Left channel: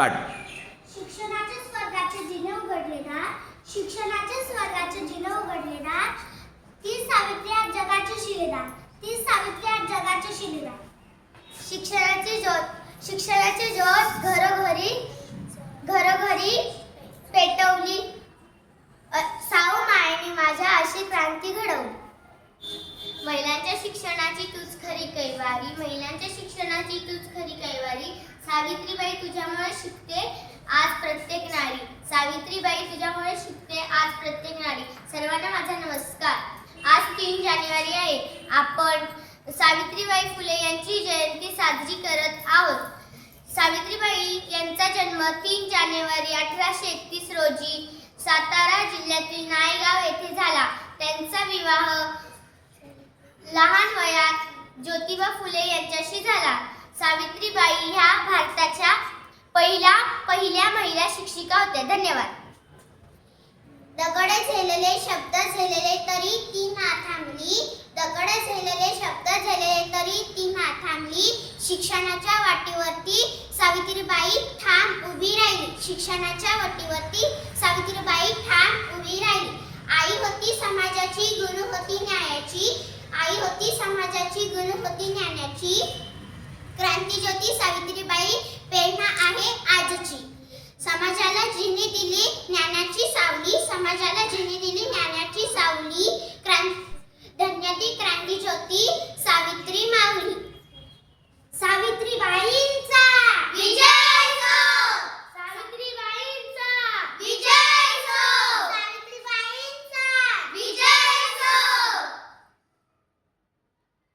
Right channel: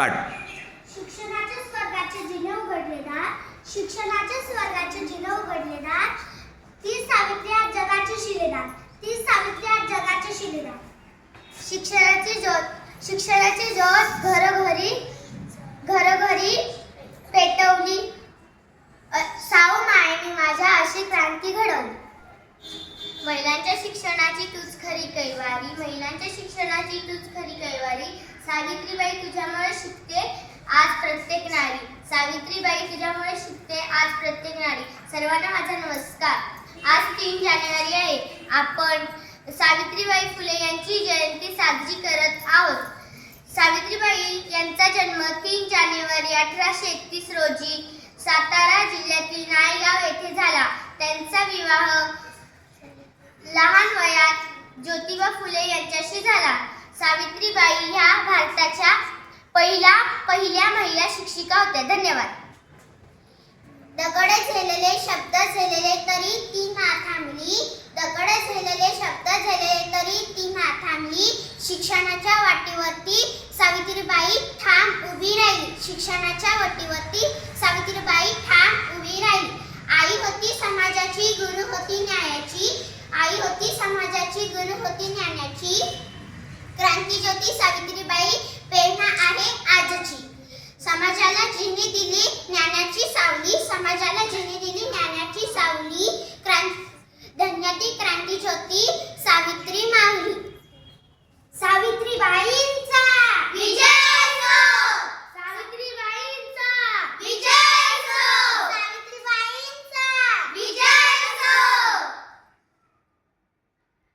Start. शिक्षणाच्या स्वर्गाचे जिने उघडलेला, शिक्षणाच्या स्वर्गाचे जिने उघडलेला, ती सावित्री आज जगाची शिलेदार, ती सावित्री आज जगाची शिलेदार. शिक्षणाची ज्योत घरोघरी पेटवली, साऊ मायेने माझ्या अशी क्रांती घडवली. महिलांच्या शिक्षणाची तूच खरी कैवारी, महिलांच्या शिक्षणाची तूच खरी कैवारी. सावित्रीबाई तुझ्यामुळे शिकते आज प्रत्येक नारी, सावित्रीबाई तुझ्यामुळे शिकते आज प्रत्येक नारी. सर्वांना माझा नमस्कार. आज 3 जानेवारी आहे. आपण सावित्रीबाई फुले यांची जयंती साजरी करत आहोत. सावित्रीबाई यांचा जन्म 3 जानेवारी 1831 रोजी सातारा जिल्ह्यातील नायगाव येथे झाला. त्यांचा विवाह लहान वयात ज्योतिबा फुले यांच्याशी झाला. सावित्रीबाई ह्या भारताच्या पहिल्या महिला शिक्षिका होत्या. धन्यवाद. दगड झेलले शब्द झेलले तरी ती ना थांबली, दगड झेलले शब्द झेलले तरी ती ना थांबली. शिक्षणाच्या वाटेवरती सावित्रीबाई ठाम उभी राहिली, शिक्षणाच्या वाटेवरती सावित्रीबाई ठाम उभी राहिली. आई होती समाजाची, गुरु होती न्यायाची, आई होती समाजाची, गुरु होती ज्ञानाची. क्रांतिज्योती सावित्रीबाई प्रेरणा आहे आजची. समाजाला जिने दिली ज्ञानाची सावली, समाजाला जिने दिली ज्ञानाची सावली. धन्य ती क्रांतिज्योती सावित्री माऊली.